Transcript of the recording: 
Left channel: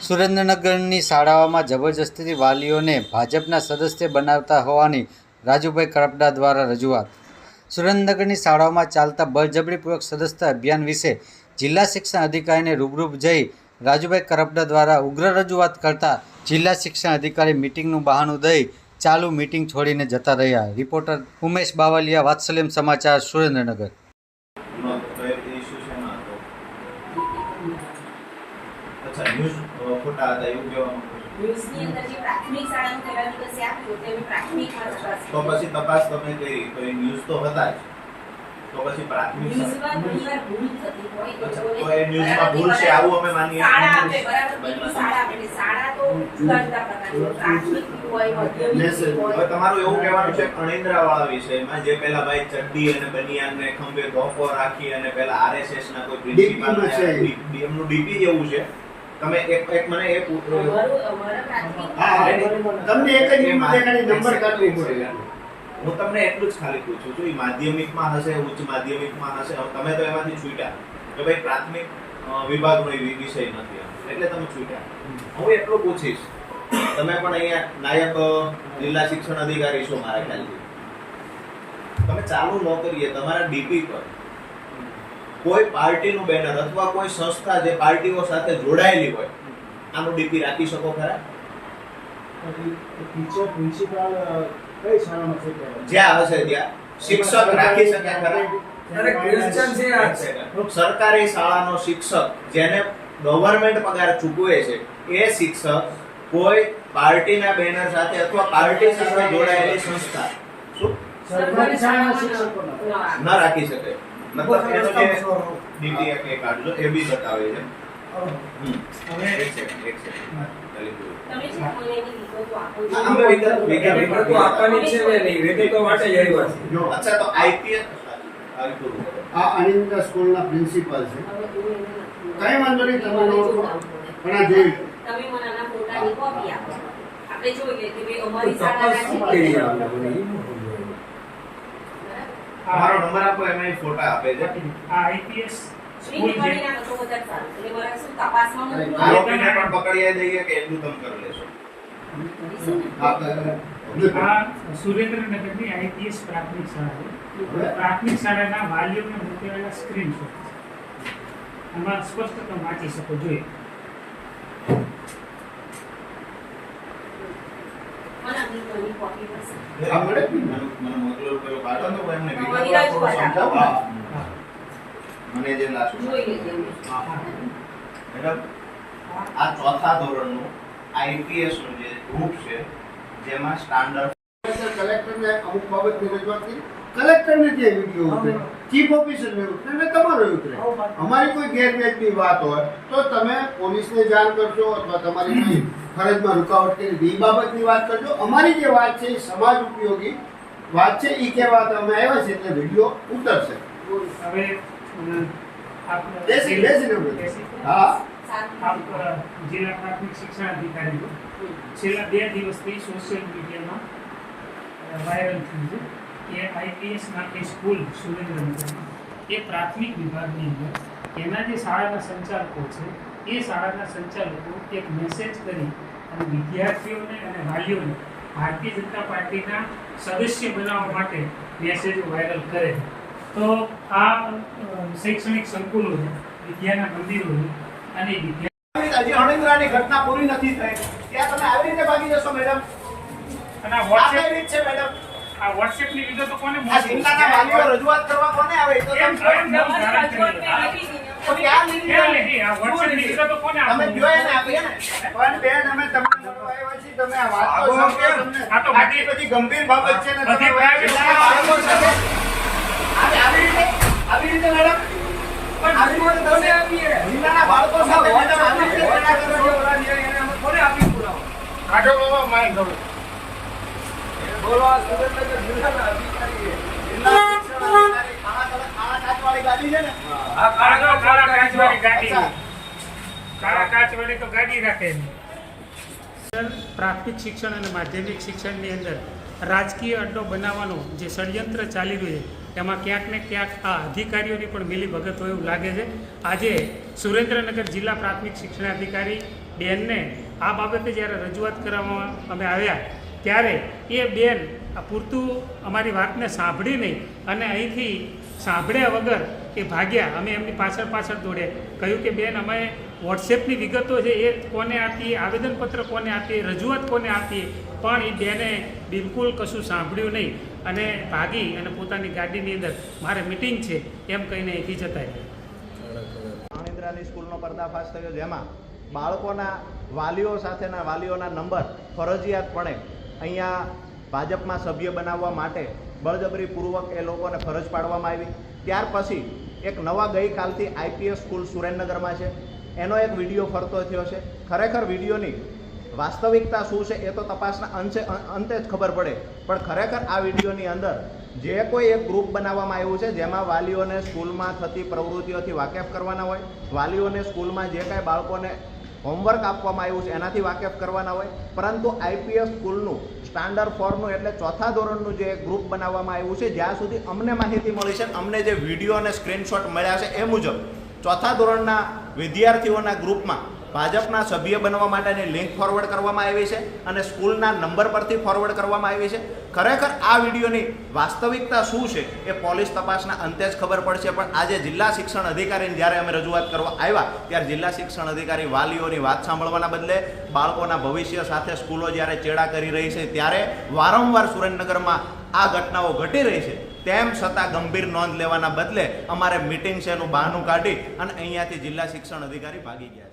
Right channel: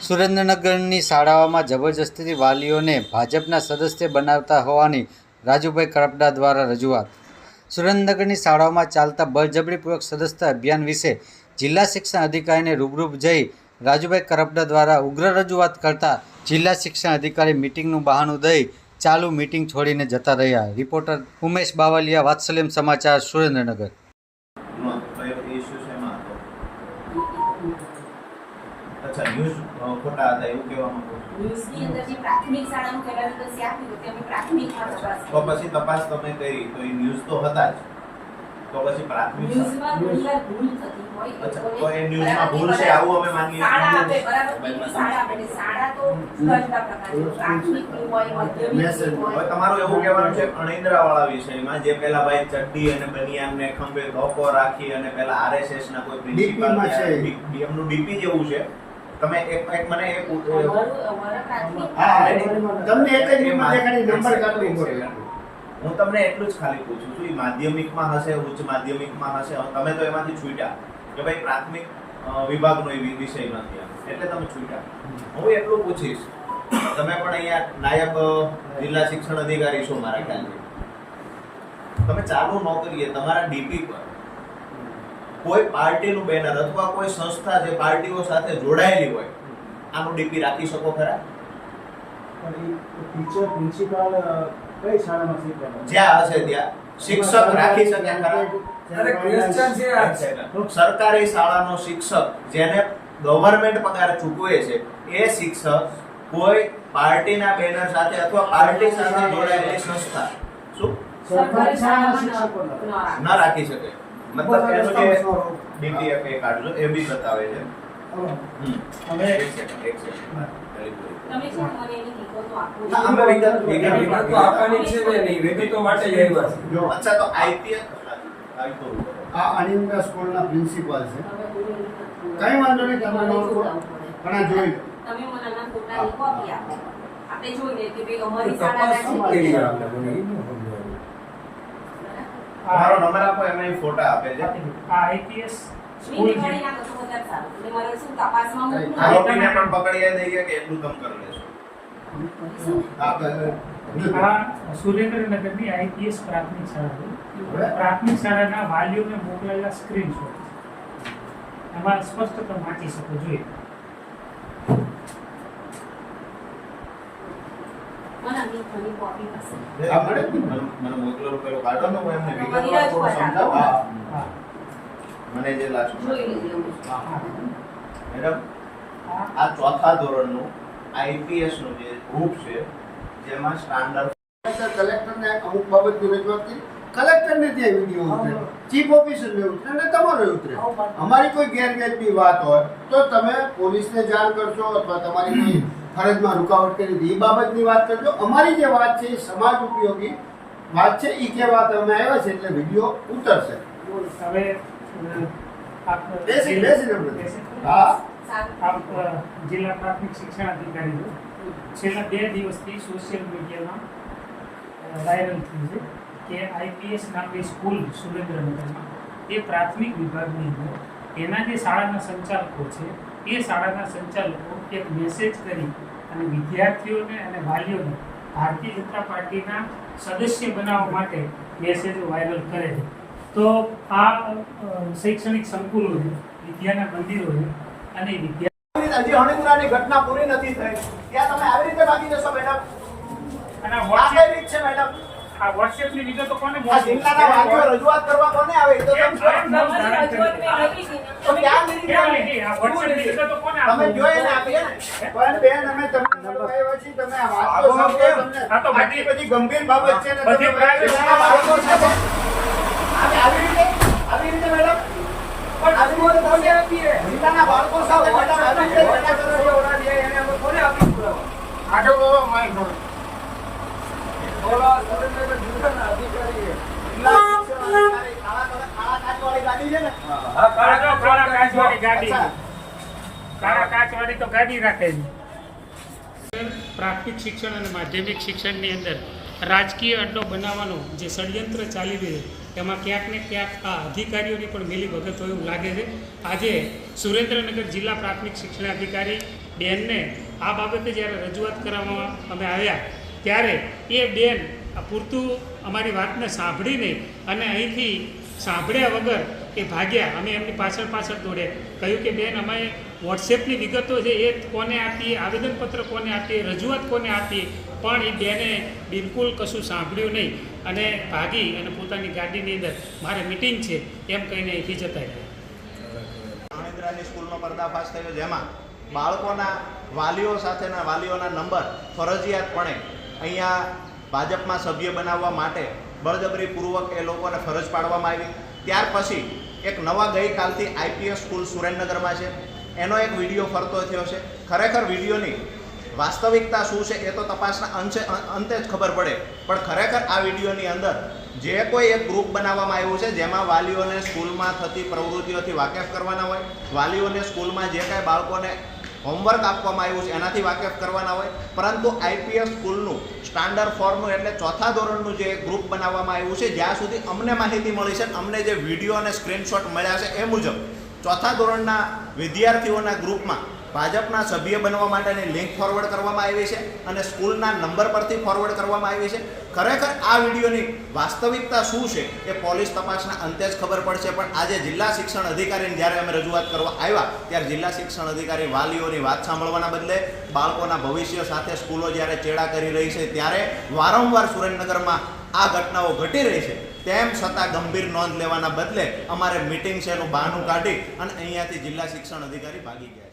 સુરેન્દ્રનગરની શાળાઓમાં જબરજસ્તીથી વાલીઓને ભાજપના સદસ્ય બનાવતા હોવાની રાજુભાઈ કરપડા દ્વારા રજૂઆત. સુરેન્દ્રનગરની શાળાઓમાં ચાલતા બળજબરીપૂર્વક સદસ્યતા અભિયાન વિશે જિલ્લા શિક્ષણ અધિકારીને રૂબરૂ જઈ રાજુભાઈ કરપડા દ્વારા ઉગ્ર રજૂઆત કરતા જિલ્લા શિક્ષણ અધિકારી મિટિંગનું બહાનું દઈ ચાલુ મિટિંગ છોડીને જતા રહ્યા. રિપોર્ટર ઉમેશ બાવલિયા, વાત્સલ્યમ સમાચાર સુરેન્દ્રનગર નો કયો ઇસ્યુ શેમાં હતો અચ્છા ન્યૂઝ ખોટા હતા એવું કહેવા માંગુ છું? ન્યૂઝની અંદર જે પ્રાથમિક શાળાનું પહેલા દિવસે આપ્યું તે અમે પ્રાથમિકમાં તપાસ તો પછી તપાસ તમે કરી તો એ ન્યૂઝ તો હતા જ. તો પછી પ્રાથમિક ન્યૂઝમાં ભૂલ થતી હોય. અચ્છા, તો એ ન્યૂઝમાં ભૂલ છે આવું અમે માનીએ. શાળા આપે બરાબર શાળા આપે એટલે શાળા તો ઘણા બધા પ્રાથમિક હોય માધ્યમિક હોય. તમારું એવું કહેવાનું છે અણિંદ્રા વાળા વિષયમાં જે પેલા ભાઈ ચડ્ડી અને બનિયાન ને ખંભે ધોકો રાખી અને પેલા આરએસએસ ના કોઈ પ્રિન્સિપાલ છે. ડીપી જેવું છે. તમે એક એક મને એક અમારું અમારા પ્રાથમિક હા, તમને એક જ નંબર કરવી પડે હું. તમને એટલું જ ખાલી પૂછું છું એ માધ્યમિકમાં હશે ઉચ્ચ માધ્યમિકમાં હશે? તમે તો એમાંથી છૂટ્યા કે ભાઈ પ્રાથમિક વિભાગનો એ વિષય નથી એટલે તમે છૂટ્યા. હું એટલું પૂછીશ. તમે પણ અહીંયા નાયબ જિલ્લા શિક્ષણ અધિકારી છો મારા ખ્યાલથી. તમે ચાલુ નોકરીએ તમારા ડીપી પર. કોઈ પાર્ટીનું બેનર અથવા કોઈ સંસ્થા જે પાર્ટીઓ સાથે જોડાયેલી હોય આનું ડીપી રાખી શકો ખરા? ટીચર પ્રિન્સિપાલ કઈ શાળામાં શીખવાડે જ્યાં હશે ત્યાં. શિક્ષક રાખી શકે ખરા. સરકારી શાળાનો શિક્ષક જેને ગવર્મેન્ટ પગાર ચૂકવે છે એ શિક્ષક કોઈ પાર્ટીના બેનર સાથે અથવા પાર્ટી સાથે જોડાયેલી સંસ્થા. શું? સરકારી શાળાના શિક્ષકોનો. ન રાખી શકે. મતલબ એનો જે ડીપી કે કાઢજો એ બી બતાવે છે. હવે એક સેકન્ડ એક સેકન્ડ તમે છે મને એની વિગતો આપો. વિગત- વિગત- આપવાની છે ને નહીં વિગતો માટે જ આવ્યા છે જો અચ્છા તો આઈપીએસ આવી કરું આ અનિંદ્રા સ્કૂલના પ્રિન્સિપાલ છે. કઈ વાંધો નહીં, તમે. પણ આ જોઈ તમે મને આના ફોટાની કોપી આપો. આપણે જોઈએ કે ભાઈ અમારી તપાસ તમારો નંબર આપો એમાં ફોટા આપે છે. આ આઈપીએસ સ્કૂલ મારે આરોપીને પણ દઈએ કે એટલું તમે કરી લેશો. સુરેન્દ્રનગરની આઈપીએસ પ્રાથમિક શાળા પ્રાથમિક શાળાના વાલીઓને મોકલેલા સ્ક્રીનશોટ આમાં સ્પષ્ટ તમે વાંચી શકો જોઈએ મને આ વિગતોની કોપી પાસે. આપણે? મને મોકલો પેલો કાઢો ને હું એમને રજૂઆત સમજાવું. મને જે લાસ્ટ જોઈ લેજે. અમે. મેડમ આ આ ચોથા ધોરણનું આઈપીએસનું જે ગ્રુપ છે જેમાં સ્ટાન્ડર્ડ કલેક્ટરને અમુક બાબતની રજૂઆત કરી. કલેક્ટરને ત્યાં વીડિયો ઉતરે ચીફ ઓફિસરને ઉતરે અને તમારે ઉતરે. અમારી કોઈ ગેરવ્યાજબી વાત હોય તો તમે પોલીસને જાણ કરજો અથવા તમારી કોઈ ફરજમાં રૂકાવટ કરી એ બાબતની વાત કરજો અમારી જે વાત છે એ સમાજ ઉપયોગી વાત છે એ કહેવા અમે આવ્યા છે એટલે વીડિયો ઉતરશે હવે અમ, આપ બેસી બેસીને બોલો. બેસી. હા સારું. આપ અ, જિલ્લા પ્રાથમિક શિક્ષણ અધિકારી છો છેલ્લા બે દિવસથી સોશિયલ મીડિયામાં અ, વાયરલ થયું છે કે આઈપીએસ નામની સ્કૂલ સુરેન્દ્રનગરમાં એ પ્રાથમિક વિભાગની અંદર એના જે શાળાના સંચાલકો છે એ શાળાના સંચાલકો એક મેસેજ કરી અને વિદ્યાર્થીઓને અને વાલીઓને ભારતીય જનતા પાર્ટીના સદસ્ય બનાવવા માટે મેસેજ વાયરલ કરે તો આ શૈક્ષણિક સંકુલોને વિદ્યાના મંદિરોને અને વિદ્યા હજી અણિંદ્રાની ઘટના પૂરી નથી થઈ. ત્યાં તમે આવી રીતે ભાગી જશો મેડમ? અને વોટ્સએપ રીત છે મેડમ? આ વોટ્સએપની વિગતો કોને આ મોકલી? જિલ્લાના વાલીઓ રજૂઆત કરવા કોને આવે એ તો તમે ક્યાં લીધી? આ વોટ્સએપની વિગતો કોને તમે જોઈ ને આપીએ ને પણ બેન અમે તમને મળવાયો છે તમે આ વાત તો સમજો તમને આ તો બધી બધી ગંભીર બાબત છે ને બધી પ્રાઇવેટ આવી આવી રીતે આવી રીતે મેડમ પણ આવી રીતે તમે જિલ્લાના બાળકો સાથે મેડમ આવી રીતે કરો છો એને થોડી આપી પુરાવો આટો બાબા માય કરો પ્રાથમિક શિક્ષણ અને માધ્યમિક શિક્ષણની અંદર રાજકીય અડ્ડો બનાવવાનો જે ષડયંત્ર ચાલી રહ્યું છે, એમાં ક્યાંક ને ક્યાંક આ અધિકારીઓની પણ મિલી ભગત હોય એવું લાગે છે. આજે સુરેન્દ્રનગર જિલ્લા પ્રાથમિક શિક્ષણાધિકારી બેનને આ બાબતે જ્યારે રજૂઆત કરવામાં અમે આવ્યા ત્યારે એ બેન પૂરતું અમારી વાતને સાંભળી નહીં અને અહીંથી સાંભળ્યા વગર એ ભાગ્યા. અમે એમની પાછળ પાછળ દોડ્યા. કહ્યું કે, બેન, અમે વોટ્સએપની વિગતો છે, એ કોને આપીએ? આવેદનપત્ર કોને આપીએ? રજૂઆત કોને આપીએ? પણ એ બેને બિલકુલ કશું સાંભળ્યું નહીં અને ભાગી અને પોતાની ગાડીની અંદર મારે મિટિંગ છે એમ કહીને અહીંથી જતા રહ્યા. માણેન્દ્રાની સ્કૂલનો પર્દાફાશ થયો, જેમાં બાળકોના વાલીઓ સાથેના વાલીઓના નંબર ફરજિયાતપણે અહીંયા ભાજપમાં સભ્ય બનાવવા માટે બળજબરીપૂર્વક એ લોકોને ફરજ પાડવામાં આવી. ત્યાર પછી એક નવા ગઈકાલથી આઈપીએસ સ્કૂલ સુરેન્દ્રનગરમાં છે. એનો એક વીડિયો ફરતો થયો છે. ખરેખર વિડીયોની વાસ્તવિકતા શું છે એ તો તપાસના અંશે અંતે જ ખબર પડે. પણ ખરેખર આ વિડીયોની અંદર જે કોઈ એક ગ્રુપ બનાવવામાં આવ્યું છે, જેમાં વાલીઓને સ્કૂલમાં થતી પ્રવૃત્તિઓથી વાકેફ કરવાના હોય, વાલીઓને સ્કૂલમાં જે કાંઈ બાળકોને હોમવર્ક આપવામાં આવ્યું છે, એનાથી વાકેફ કરવાના હોય. પરંતુ આઈપીએસ સ્કૂલનું સ્ટાન્ડર્ડ ફોર્મનું એટલે ચોથા ધોરણનું જે ગ્રુપ બનાવવામાં આવ્યું છે, જ્યાં સુધી અમને માહિતી મળી છે, અમને જે વીડિયો અને સ્ક્રીનશોટ મળ્યા છે એ મુજબ ચોથા ધોરણના વિદ્યાર્થીઓના ગ્રુપમાં ભાજપના સભ્ય બનવા માટેની લિંક ફોરવર્ડ કરવામાં આવી છે અને સ્કૂલના નંબર પરથી ફોરવર્ડ કરવામાં આવી છે. ખરેખર આ વિડીયોની વાસ્તવિકતા શું છે એ પોલીસ તપાસના અંતે જ ખબર પડશે. પણ આજે જિલ્લા શિક્ષણ અધિકારીને જ્યારે અમે રજૂઆત કરવા આવ્યા, ત્યારે જિલ્લા શિક્ષણ અધિકારી વાલીઓની વાત સાંભળવાના બદલે બાળકોના ભવિષ્ય સાથે સ્કૂલો જ્યારે ચેડા કરી રહી છે, ત્યારે વારંવાર સુરેન્દ્રનગરમાં આ ઘટનાઓ ઘટી રહી છે. તેમ છતાં ગંભીર નોંધ લેવાના બદલે અમારે મિટિંગ છે એનું બહાનું કાઢી અને અહીંયાથી જિલ્લા શિક્ષણ અધિકારી ભાગી ગયા